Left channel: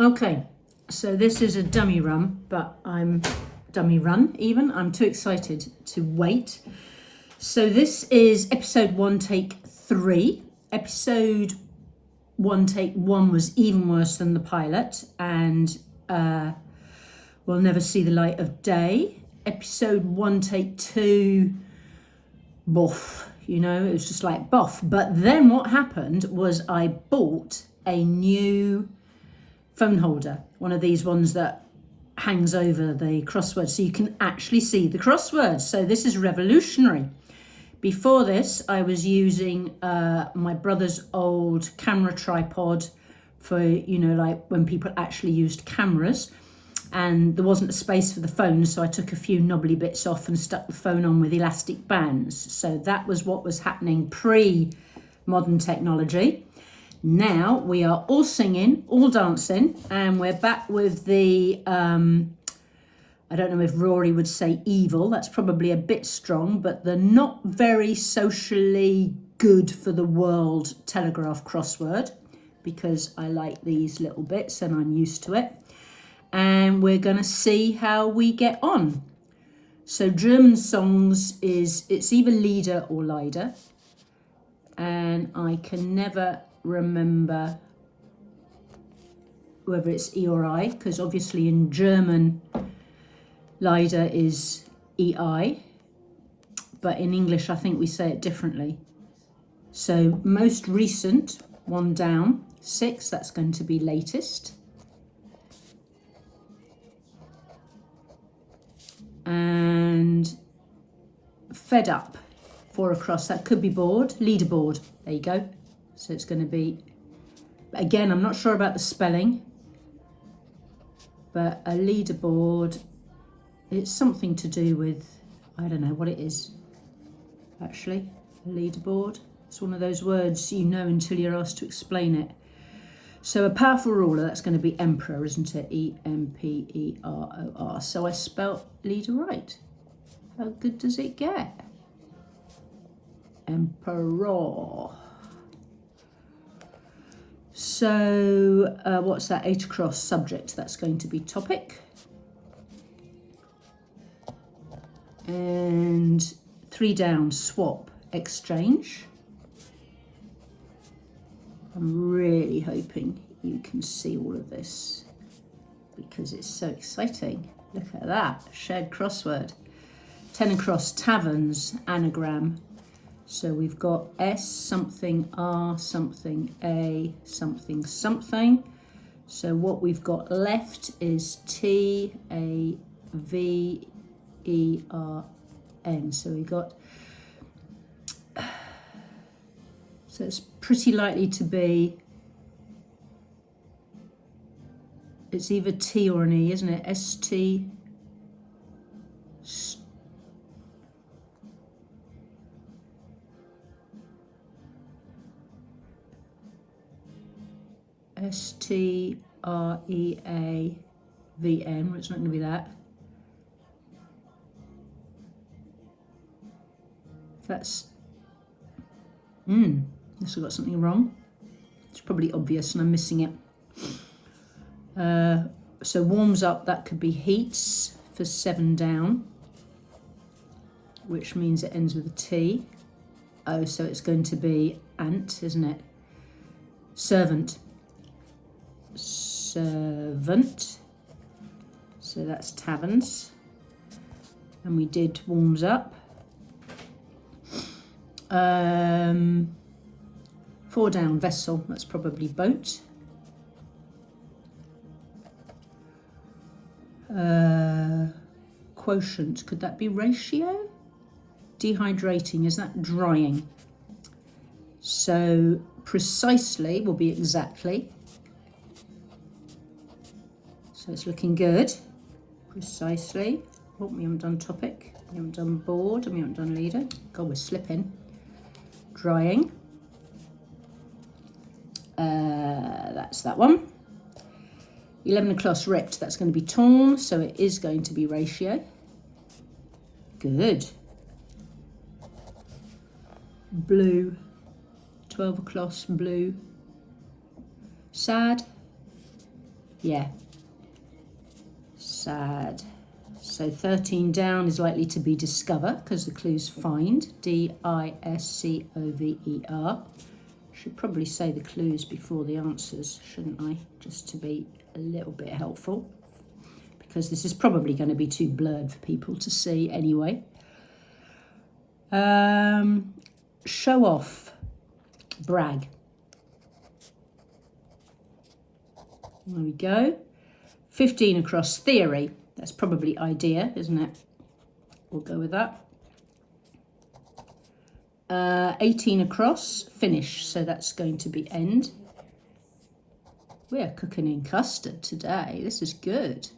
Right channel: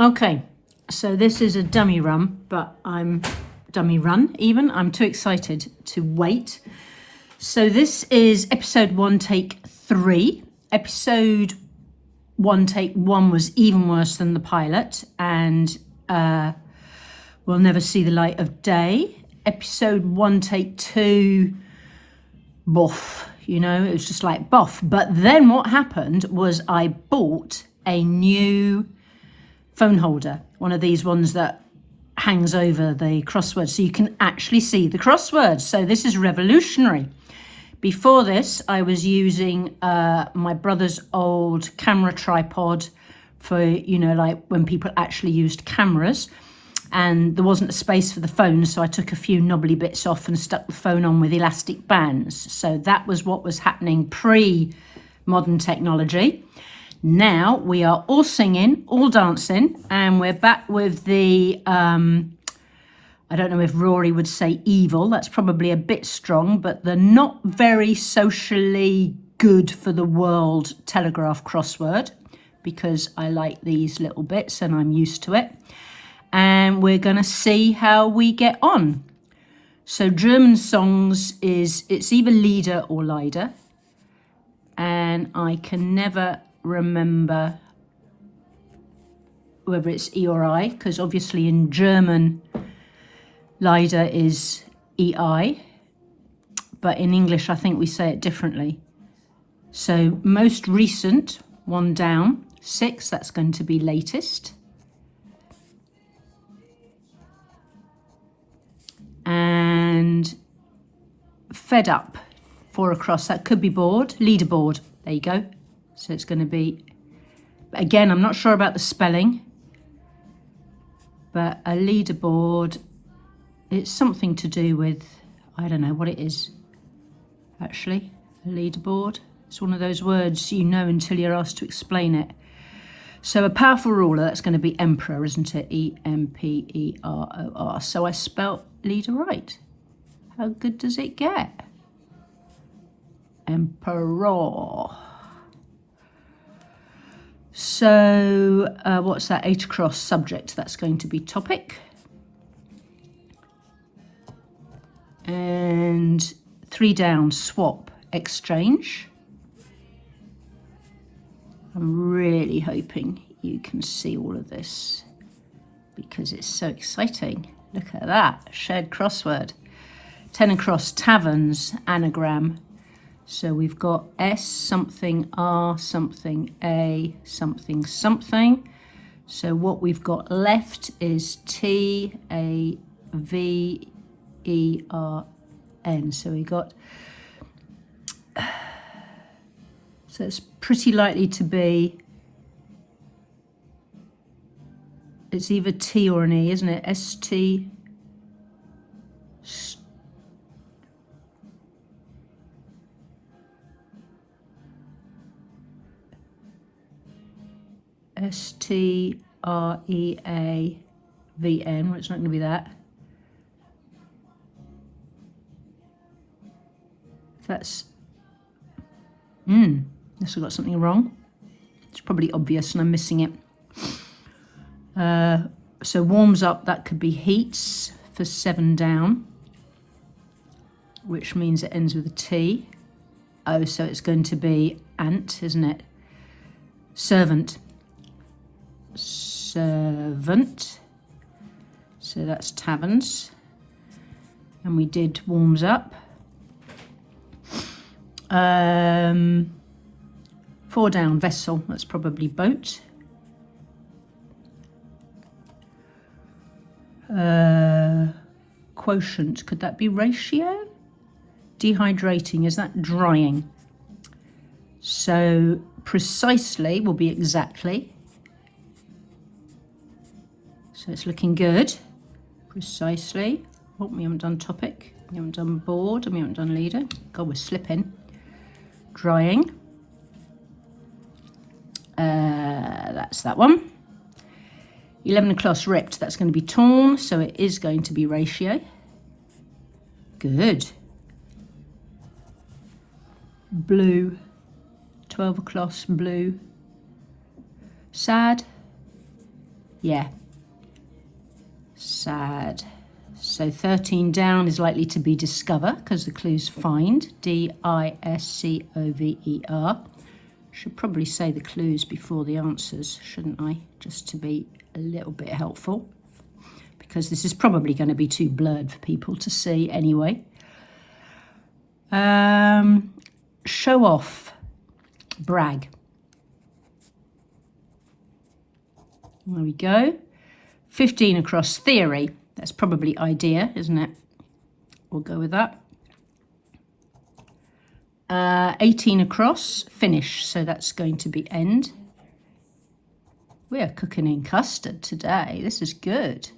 Okay, so this is a dummy run, but I'm too excited to wait. So this is episode 1, take 3. Episode 1, take 1 was even worse than the pilot, and will never see the light of day. Episode 1, take 2, boff, it was just like boff. But then what happened was I bought a new phone holder, one of these ones that hangs over the crossword so you can actually see the crosswords. So this is revolutionary. Before this, I was using my brother's old camera tripod for, like when people actually used cameras, and there wasn't a space for the phone, so I took a few knobbly bits off and stuck the phone on with elastic bands. So that was what was happening pre-modern technology. Now we are all singing, all dancing, and we're back with the, I don't know if Rory would say evil, that's probably a bit strong, but the not very socially good for the world telegraph crossword, because I like these little bits and I'm used to it. And we're going to see how we get on. So German songs it's either Lieder or Leider, and I can never remember whether it's E or I, because obviously in German Leider is EI, but in English I think we say it differently. So most recent, 1 down, 6, that's going to be latest. And fed up, 4 across, that could be bored, leaderboard, there you go. So it's going to be, again, I'm not sure about the spelling, but a leaderboard, it's something to do with, I don't know what it is, actually, a leaderboard. It's one of those words you know until you're asked to explain it. So a powerful ruler, that's going to be emperor, isn't it? E-M-P-E-R-O-R. So I spelt leader right. How good does it get? Emperor. So what's that? 8 across, subject, that's going to be topic. And 3 down, swap, exchange. I'm really hoping you can see all of this because it's so exciting. Look at that, shared crossword. 10 across, taverns, anagram. So we've got S something, R something, A something, something. So what we've got left is T-A-V-E-R-N. So we got, so it's pretty likely to be, it's either T or an E, isn't it? S-T, S-T-R-E-A-V-N, well, it's not going to be that. That's, this has got something wrong. It's probably obvious and I'm missing it. So warms up, that could be heats for 7 down, which means it ends with a T. Oh, so it's going to be ant, isn't it? Servant. Servant. So that's taverns. And we did warms up. 4 down, vessel, that's probably boat. Quotient, could that be ratio? Dehydrating, is that drying? So precisely will be exactly. So it's looking good. Precisely. Oh, we haven't done topic, we haven't done board, and we haven't done leader. God, we're slipping. Drying. That's that one. 11 across, ripped, that's going to be torn, so it is going to be ratio. Good. Blue, 12 across, blue. Sad, Yeah. Sad. So 13 down is likely to be discover because the clue's find. D-I-S-C-O-V-E-R. Should probably say the clues before the answers, shouldn't I? Just to be a little bit helpful, because this is probably going to be too blurred for people to see anyway. Show off, brag. There we go. 15 across, theory. That's probably idea, isn't it? We'll go with that. 18 across, finish. So that's going to be end. We are cooking in custard today. This is good.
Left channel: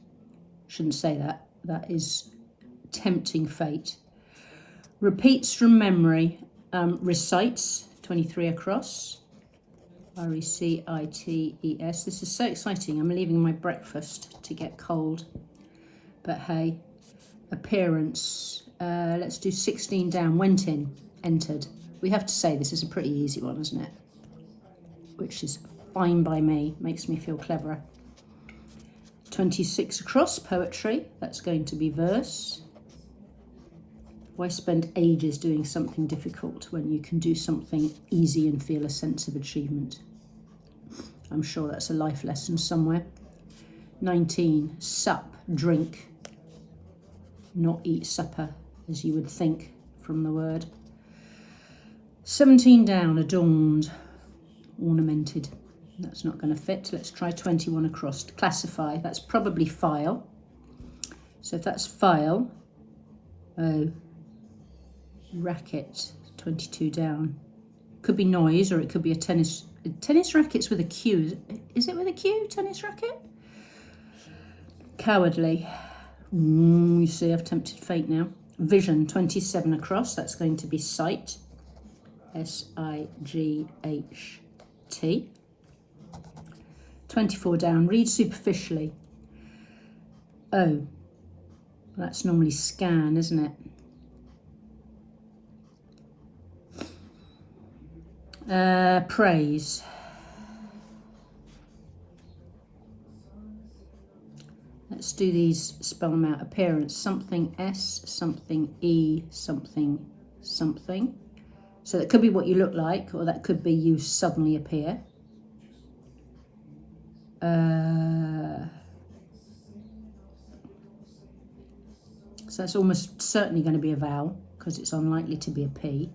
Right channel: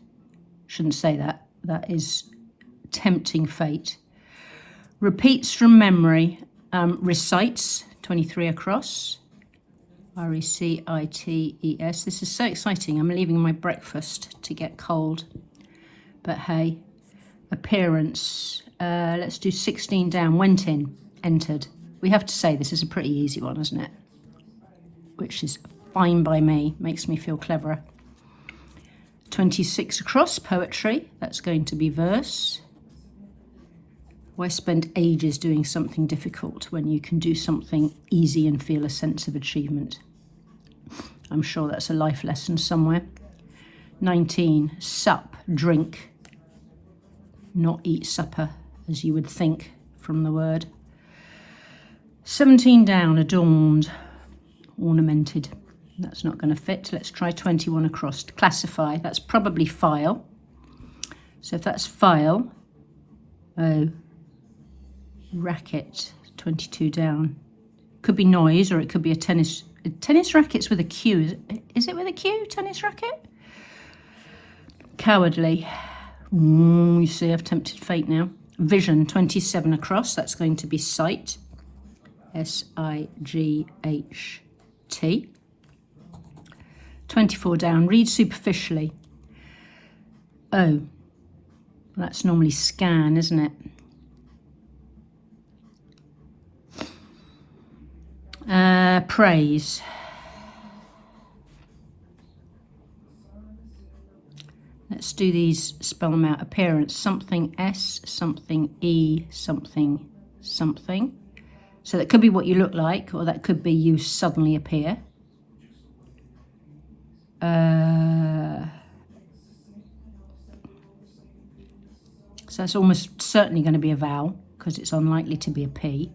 Shouldn't say that. That is tempting fate. Repeats from memory. Recites, 23 across. R-E-C-I-T-E-S. This is so exciting. I'm leaving my breakfast to get cold. But hey, appearance. Let's do 16 down. Went in, entered. We have to say this is a pretty easy one, isn't it? Which is fine by me. Makes me feel cleverer. 26 across, poetry. That's going to be verse. Why spend ages doing something difficult when you can do something easy and feel a sense of achievement? I'm sure that's a life lesson somewhere. 19, sup, drink. Not eat supper, as you would think from the word. 17 down, adorned, ornamented. That's not going to fit. Let's try 21 across. Classify, that's probably file. So if that's file, oh, racket, 22 down. Could be noise, or it could be a tennis racket's with a Q. Is it with a Q, tennis racket? Cowardly. You see, I've tempted fate now. Vision, 27 across. That's going to be sight. S-I-G-H-T. 24 down. Read superficially. Oh, that's normally scan, isn't it? Praise. Let's do these, spell them out. Appearance, something S, something E, something, something. So that could be what you look like, or that could be you suddenly appear. So that's almost certainly going to be a vowel, because it's unlikely to be a P.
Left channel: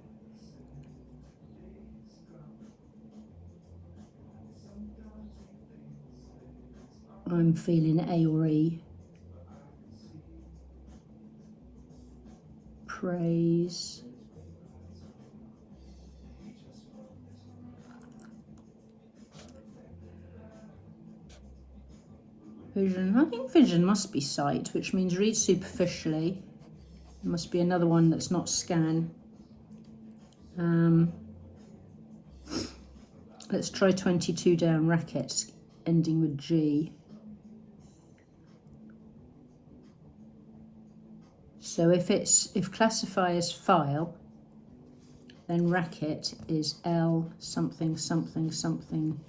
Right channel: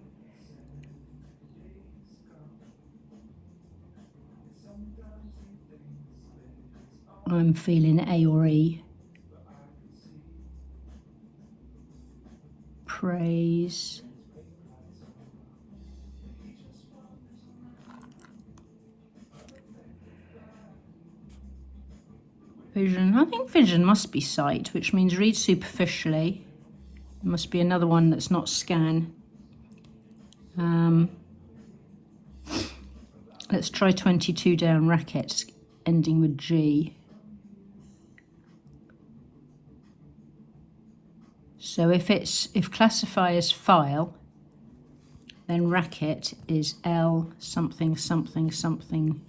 I'm feeling A or E. Praise. Vision. I think vision must be sight, which means read superficially. There must be another one that's not scan. Let's try 22 down, rackets, ending with G. So if classify is file, then racket is L something something something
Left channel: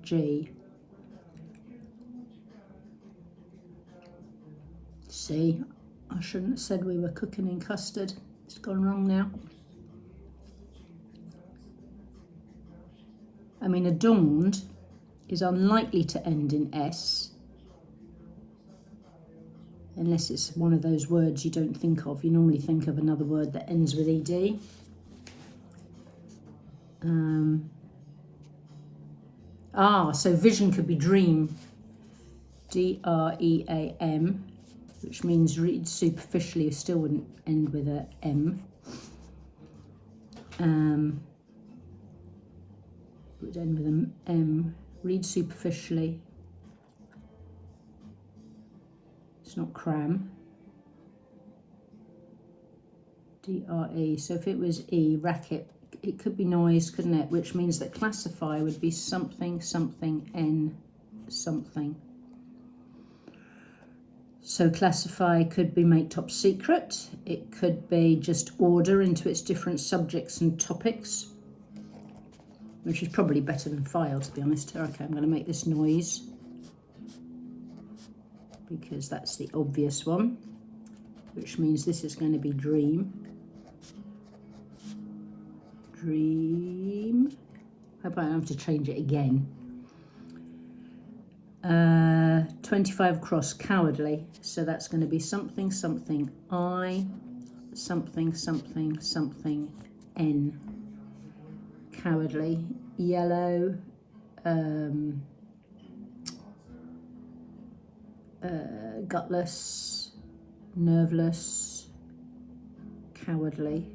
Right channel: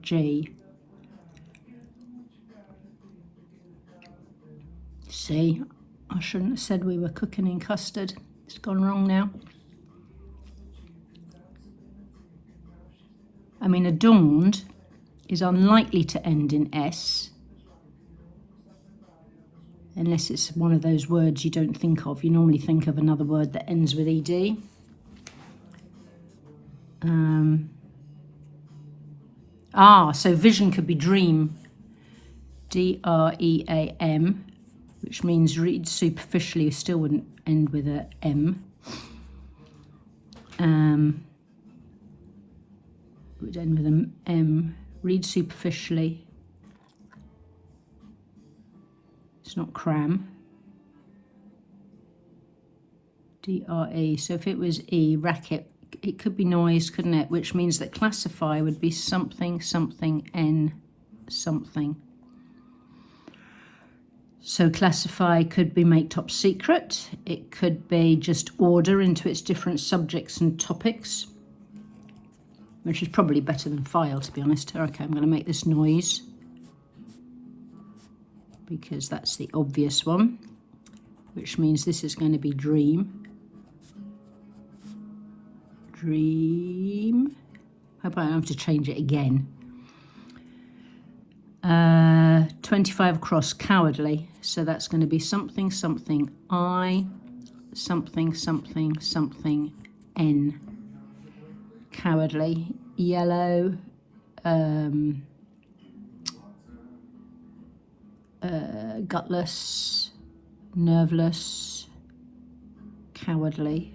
G. See, I shouldn't have said we were cooking in custard. It's gone wrong now. I mean, adorned is unlikely to end in S, unless it's one of those words you don't think of. You normally think of another word that ends with ED. So vision could be dream. D-R-E-A-M, which means read superficially, still wouldn't end with a M. Would end with an M. Read superficially. It's not cram. D-R-E. So if it was E, racket, it could be noise, couldn't it? Which means that classify would be something, something, N, something. So classify could be make top secret. It could be just order into its different subjects and topics, which is probably better than file, to be honest. Okay, I'm going to make this noise. because that's the obvious one, which means this is going to be dream. Dream. Hope I don't have to change it again. 25 across, cowardly. So that's going to be something, something, I, something, something, something, N. Cowardly. Yellow. Gutless. Nerveless. Cowardly.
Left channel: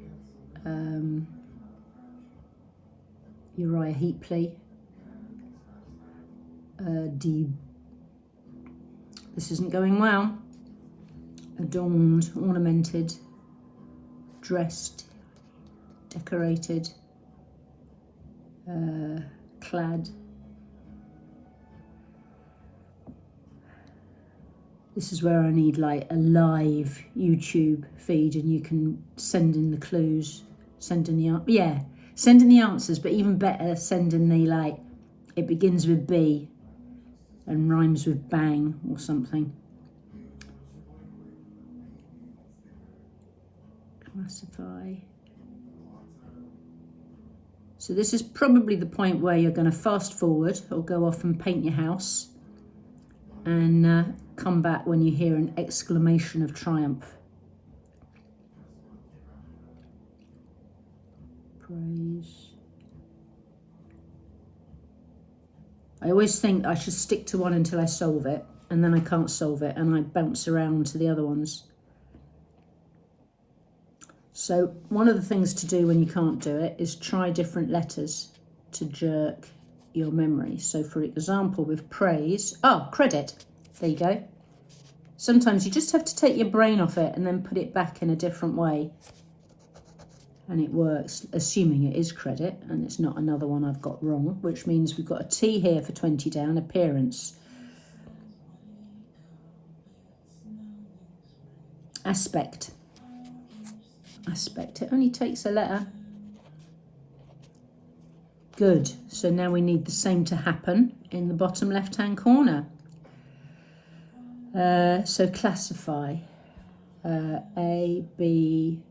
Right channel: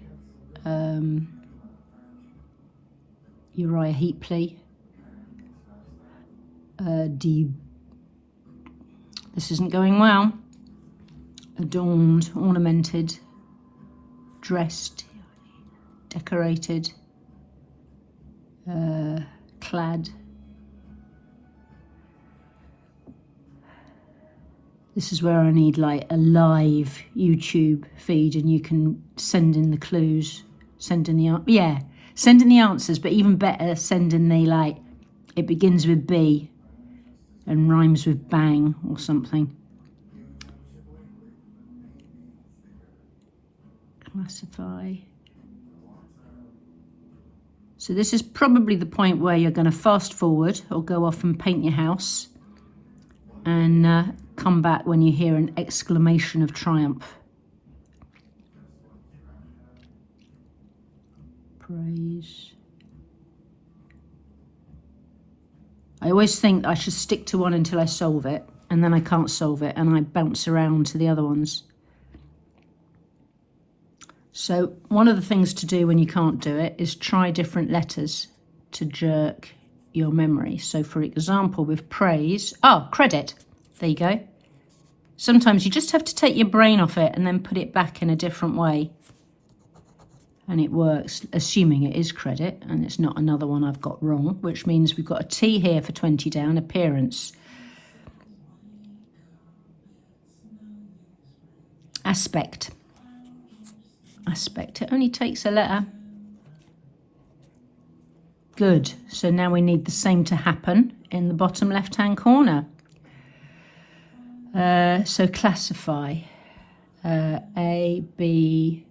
Uriah Heapley. This isn't going well. Adorned, ornamented, dressed, decorated, clad. This is where I need like a live YouTube feed, and you can send in the clues, send in the answers, but even better, send in the like, it begins with B and rhymes with bang or something. Classify. So this is probably the point where you're going to fast forward or go off and paint your house and come back when you hear an exclamation of triumph. Praise. I always think I should stick to one until I solve it, and then I can't solve it, and I bounce around to the other ones. So one of the things to do when you can't do it is try different letters to jerk your memory. So for example, with praise, credit, there you go. Sometimes you just have to take your brain off it and then put it back in a different way. And it works, assuming it is credit, and it's not another one I've got wrong, which means we've got a T here for 20 down, appearance. Aspect. Aspect, it only takes a letter. Good, so now we need the same to happen in the bottom left-hand corner. So classify. A, B,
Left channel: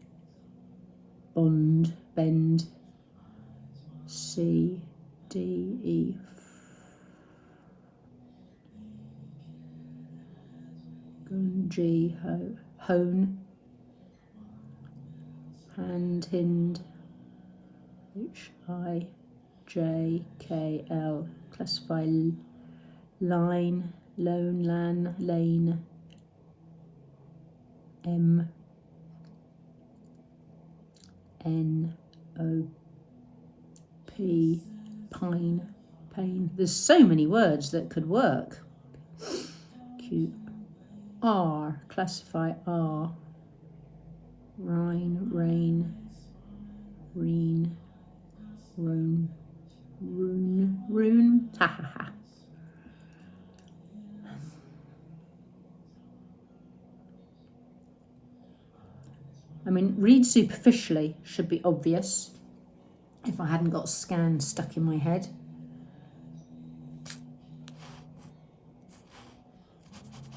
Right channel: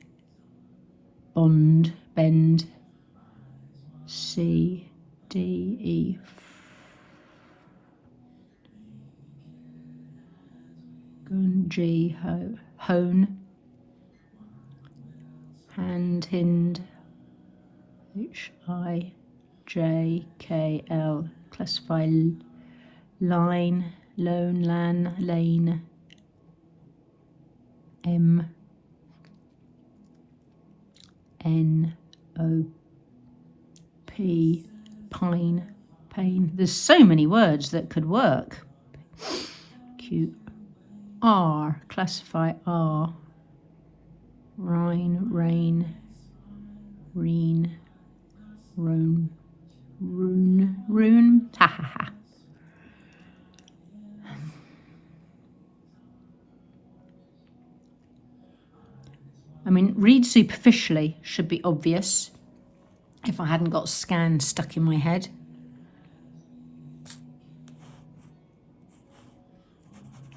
bond, bend, C, D, E, G, hone, hand, hind, H, I, J, K, L, classify, line, lone, lan, lane, M, N, O, P, pine, pain. There's so many words that could work. Q, R, classify R, Rhine, rain, reen, rune, rune, ha ha ha. I mean, read superficially should be obvious if I hadn't got scan stuck in my head.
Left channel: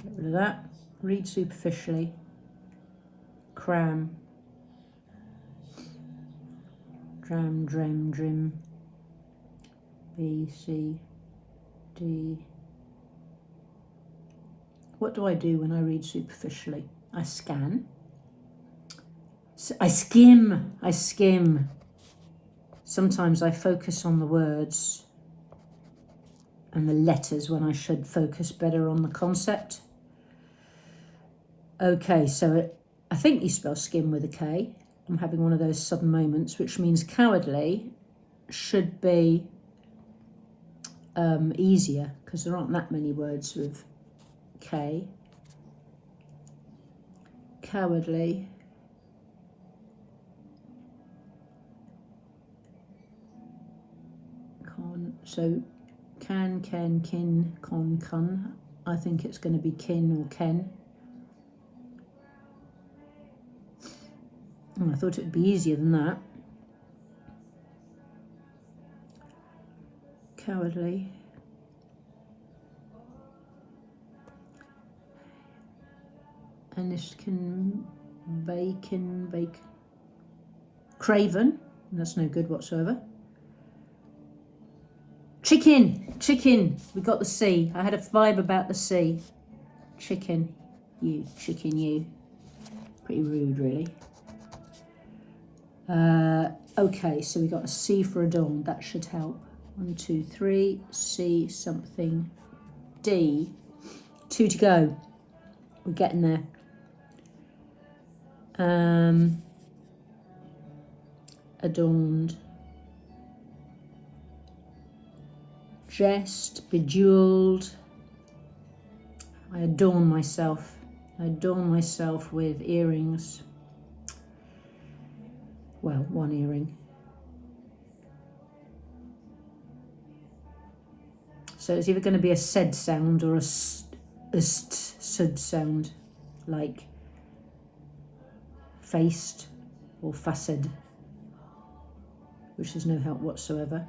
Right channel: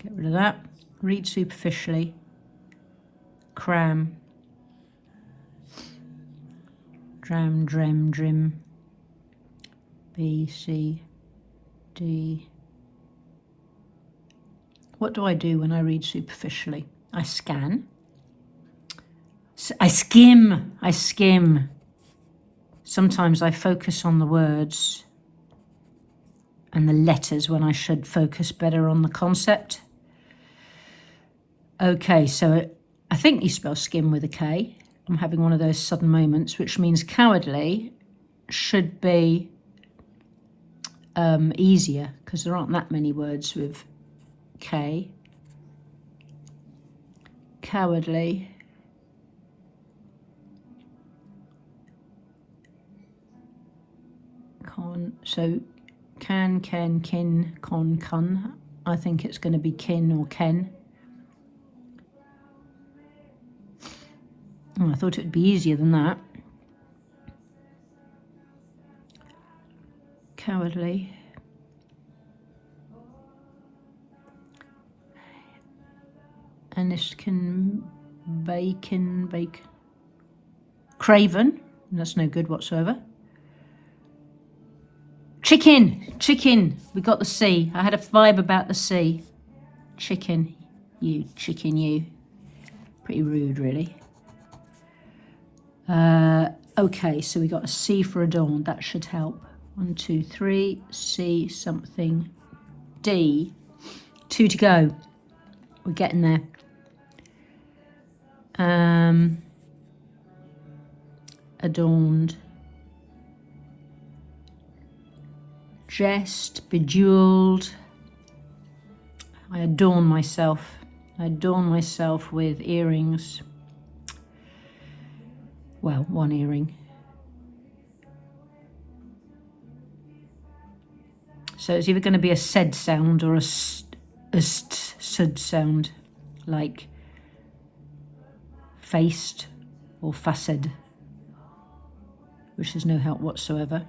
Get rid of that. Read superficially. Cram. Dram, drem, drim. B, C, D. What do I do when I read superficially? I scan. I skim. Sometimes I focus on the words and the letters when I should focus better on the concept. Okay, so I think you spell skim with a K. I'm having one of those sudden moments, which means cowardly should be easier because there aren't that many words with K. Cowardly. So can, ken, kin, con, cun. I think it's going to be kin or ken. Oh, I thought it would be easier than that. Cowardly. And this can bake. Craven, that's no good whatsoever. Chicken, we got the C. I had a vibe about the C. Chicken, you. Pretty rude, really. Okay, so we got a C for adorn, that should help. 1, 2, 3, C something, D. 2 to go. We're getting there. Adorned. Jest, bejeweled. I adorn myself. I adorn myself with earrings. Well, one earring. So it's either going to be a sed sound or a sud sound, like faced or faced, which is no help whatsoever.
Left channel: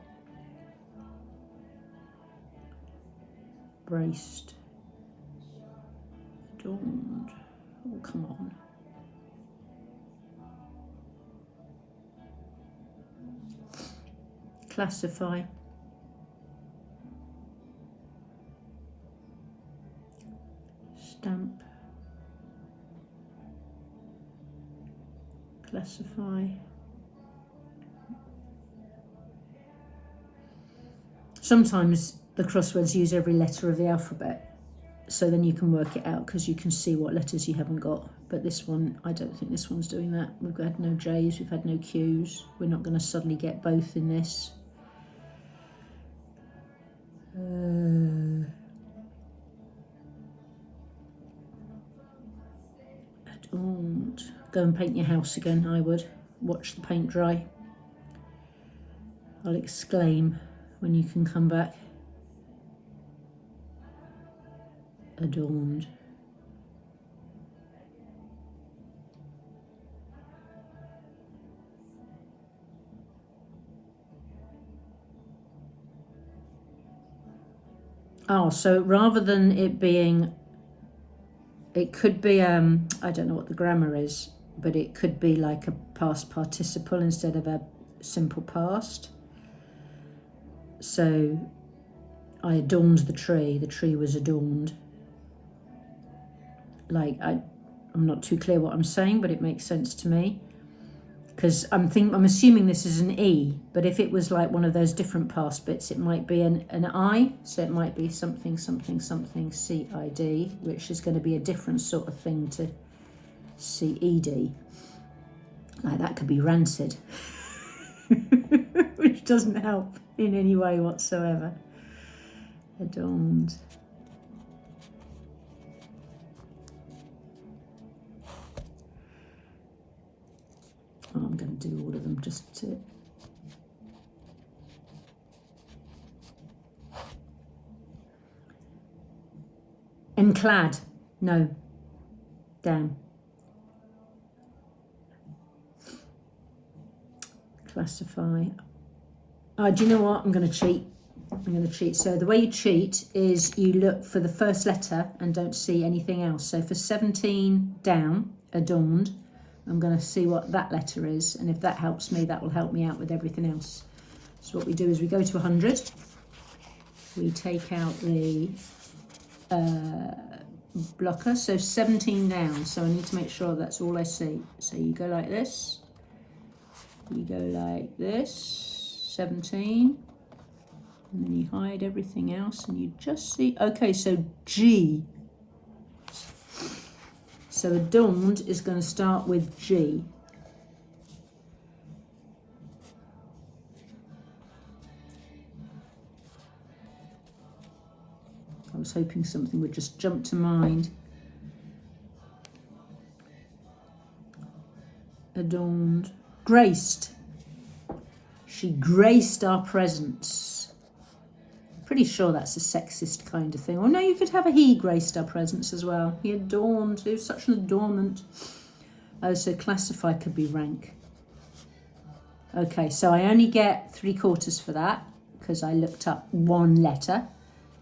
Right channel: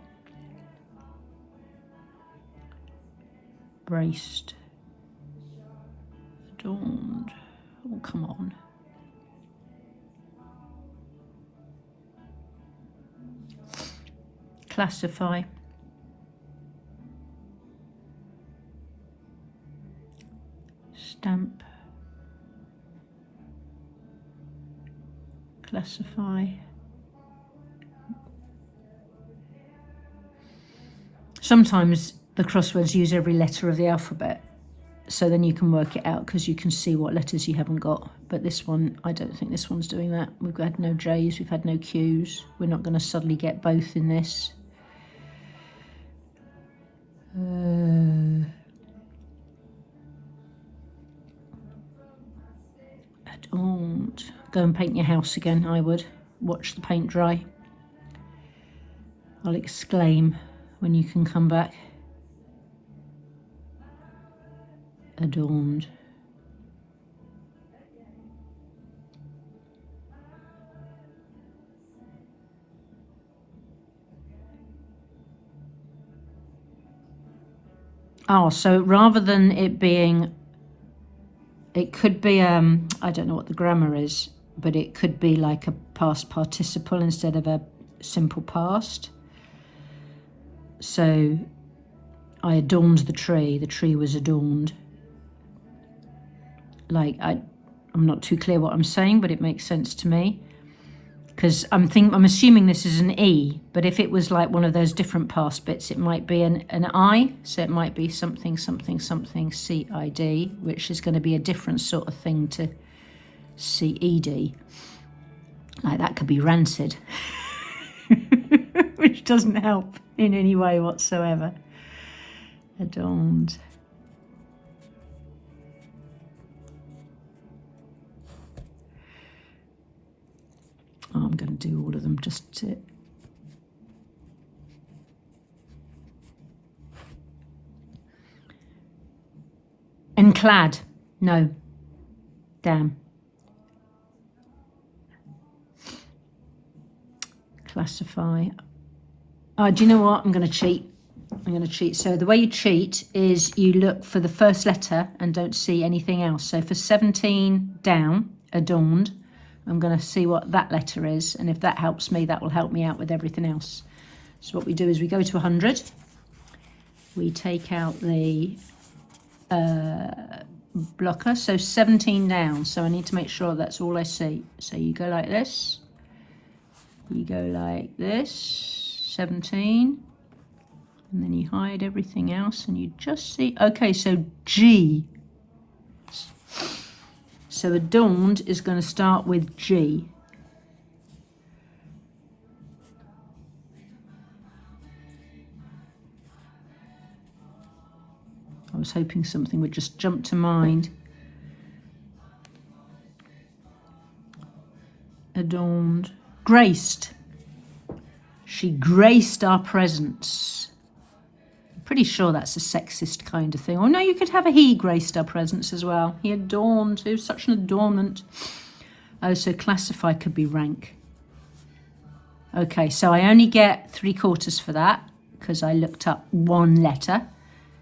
Braced. Adorned. Oh, come on. Classify. Stamp. Classify. Sometimes the crosswords use every letter of the alphabet, so then you can work it out because you can see what letters you haven't got. But this one, I don't think this one's doing that. We've had no J's, we've had no Q's. We're not going to suddenly get both in this. Adorned. Go and paint your house again, I would. Watch the paint dry. I'll exclaim when you can come back. Adorned. Oh, so rather than it being, it could be, I don't know what the grammar is, but it could be like a past participle instead of a simple past. So I adorned the tree was adorned. Like, I'm not too clear what I'm saying, but it makes sense to me. Because I'm assuming this is an E, but if it was like one of those different past bits, it might be an I, so it might be something, C-I-D, which is going to be a different sort of thing to C-E-D. Like, that could be rancid, which doesn't help in any way whatsoever. Adorned. Oh, I'm going to do all of them just to... Enclad. No. Damn. Classify. Oh, do you know what? I'm going to cheat. So the way you cheat is you look for the first letter and don't see anything else. So for 17 down, adorned, I'm going to see what that letter is, and if that helps me, that will help me out with everything else. So what we do is we go to 100, we take out the blocker, so 17 down, so I need to make sure that's all I see. So you go like this, you go like this, 17, and then you hide everything else, and you just see, okay, so G. So adorned is going to start with G. I was hoping something would just jump to mind. Adorned. Graced. She graced our presence. Pretty sure that's a sexist kind of thing. Or no, you could have a he graced our presence as well. He adorned, he was such an adornment. Oh, so classify could be rank. Okay, so I only get 3/4 for that because I looked up one letter.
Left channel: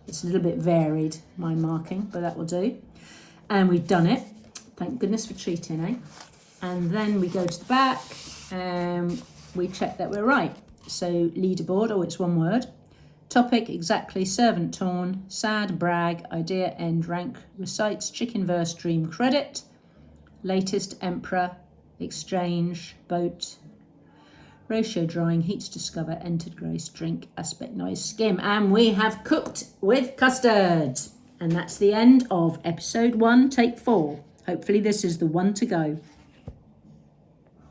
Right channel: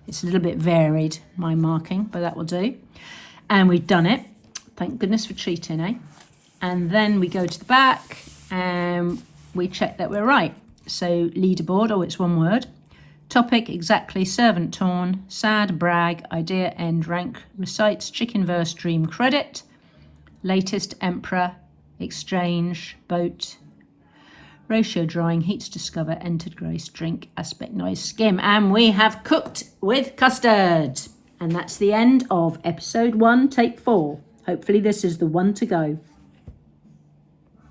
It's a little bit varied, my marking, but that will do. And we've done it. Thank goodness for cheating, eh? And then we go to the back and we check that we're right. So leaderboard, oh, it's one word. Topic, exactly, servant torn, sad, brag, idea, end, rank, recites, chicken verse, dream, credit, latest, emperor, exchange, boat, ratio, drawing, heats, discover, entered, grace, drink, aspect, noise, skim. And we have cooked with custard. And that's the end of episode 1, take 4. Hopefully this is the one to go.